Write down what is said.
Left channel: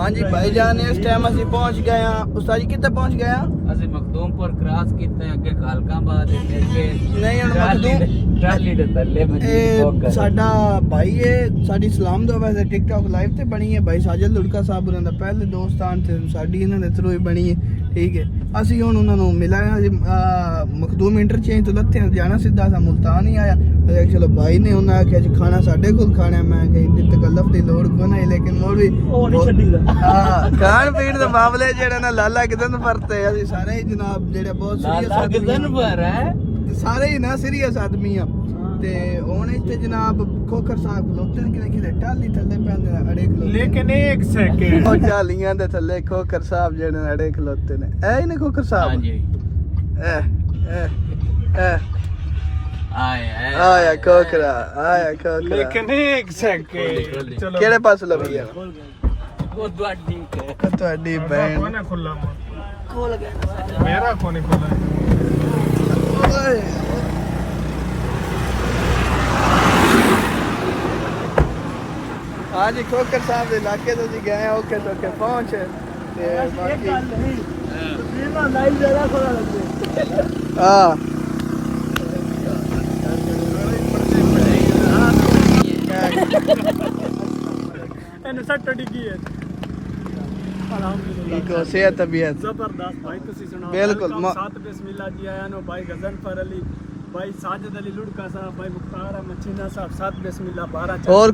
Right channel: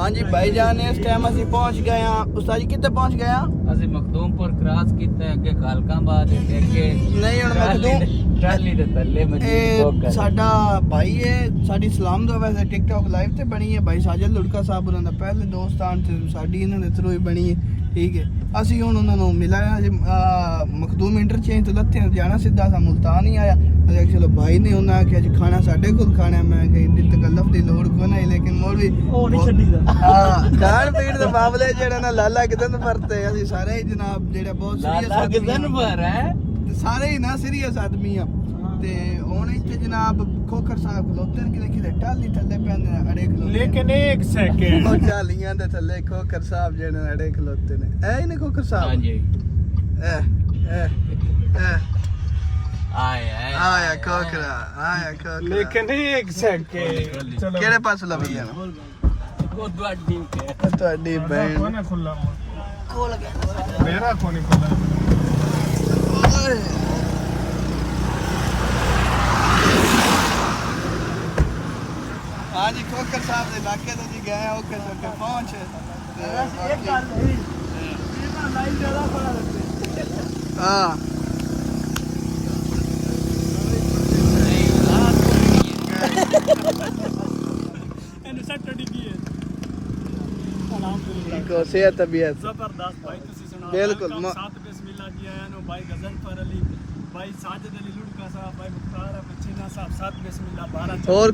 हाँ जी भाईजान इस टाइम ਅਸੀਂ ਪਹੁੰਚ ਗਏ ਆ ਉਸਤਾਦ ਜੀ ਕਿੱਥੇ ਪਹੁੰਚ ਗਏ ਆ ਅਸੀਂ ਮਖਦੂਮਪੁਰ ਕ੍ਰਾਸ ਕੀਤਾ ਅੱਗੇ ਖਾਲਕਾਬਾਦ ਦੇ ਕੇ ਨਹੀਂ ਹੁਣ ਮਖਦੂਮ ਟਰਾਲੀ ਦੇ ਥੱਲੇ ਇਹ ਸਾਡਾ ਭਾਈ ਹੈ ਸਾਡੀ ਸਲਾਮ ਦਾ ਵੈਸੇ ਟਿਕਟੌਕ ਲਾਈਵ ਤੇ ਬਣੀ ਹੈ ਭਾਈ ਸਾਜਦ ਲੁੜਕਾ ਸਾਹਿਬ ਉਹਨਾਂ ਦਾ ਪਹਿਲੇ ਦੋਸਤਾਨ ਤੇ ਸਾਡੀ ਇਹਨਾਂ ਦੇ ਥਰੂ ਹੀ ਬਣੀ ਹੈ ਠੀਕ ਹੈ ਅਸੀਂ ਹੁਣ ਉਹਨਾਂ ਨੂੰ ਮਿਲਾਇਆ ਮਖਦੂਮ ਇੰਟਰਚੇਂਜ ਤੋਂ ਲੱਥੇ ਜਾਣਾ ਸਿੱਧਾ ਸਾ ਮੁਲਤਾਨ ਹੀ ਆਇਆ ਚਲੋ ਭਾਈ ਨੇ ਉਹਨਾਂ ਆਖਿਆ ਜੀ ਖਾਣਾ ਸਾਡੇ ਕੋਲ ਖਾਣਾ ਮੈਂ ਕਿ ਇੰਨੀ ਤਕੱਲਫ ਦੀ ਲੋੜ ਕੋਈ ਨਹੀਂ ਲੇਕਿਨ ਮੋੜ ਵੀ ਉਹ ਨਹੀਂ ਛੱਡੀਦਾ ਹਾਂ ਖਾਣ ਪੀਣ ਦੇ ਮਾਮਲੇ ਜਿਹੜੇ ਨਾ ਲਾਲਾ ਕਿਦਨ ਵਰਤੇ ਅਸੀਂ ਸਾਰੇ ਹੀ ਜਨਾਬ ਜਿਹੜਾ ਬਹੁਤ ਸੀਰੀਅਸ ਆਦਮੀ ਸਾਰੇ ਹੀ ਨਾ ਸੀਰੀਅਸ ਆਦਮੀ ਆ ਤੇ ਹੁਣ ਇੱਥੇ ਜਨਾਬ ਖੋਖਰ ਸਾਹਿਬ ਖਲੋਤੇ ਨੇ ਕਿਤੇ ਟਾਲੀ ਥੱਲੇ ਪੈਂਦੇ ਨੇ ਅੜੇ ਖਲੋਤੇ ਲੇਕਿਨ ਇੱਕ ਸੈਕਿੰਡ ਉਹ ਟਾਲੀਆਂ ਦੇ ਥੱਲੇ ਖੋਖਰ ਸਾਹਿਬ ਜਿਹੜੇ ਨੇ ਅੜੇ ਖਲੋਤੇ ਨੇ ਐ ਹੀ ਨੇ ਖੋਖਰ ਸਾਹਿਬ ਹਾਂਜੀ ਐ ਆਇਆ ਖੋਖਰਾ ਲੇਕਿਨ ਇੱਕ ਸੈਕਿੰਡ ਚਲੋ ਕਿਹੜੇ ਪਾਸੇ ਲਵੀ ਜਾਣਾ ਉਹ ਤੁਹਾਡੀ ਤੁਹਾਡੀ ਕੋਈ ਨਾ ਖੁੱਲਾ ਖੋਲ ਗਿਆ ਮੇਰਾ ਕੋਲ ਖੁੱਲਾ ਓਏ हाँ जी खोकर साहब के इलाके तो जी गए ओके तो के पहुंच ते बाकी जीवा लाइव ज्यादा थोड़ा लग हां ਇਹਨੂੰ ਸੱਟ ਡਿੱਗੀ ਹੈ ਅਲਹਮਦੁਲਿਲਾ सेहत तबीयत ਜ਼ਬਰਦਸਤ ਭਾਈ ਤੁਸੀਂ ਸੁਣਾਓ ਬਿਲਕੁਲ ਸਾਤ ਬਿਸਮਿਲ੍ਲਾ ਜੀ ਆਇਆਂ ਨੂੰ ਭਾਈ ਗਜ਼ਨਫਰ ਅਲੀ भाई साजिद अली लुड़का साहब भाई मुख्तार अहमद छीना साहब सात बिस्मिल्लाह 12 और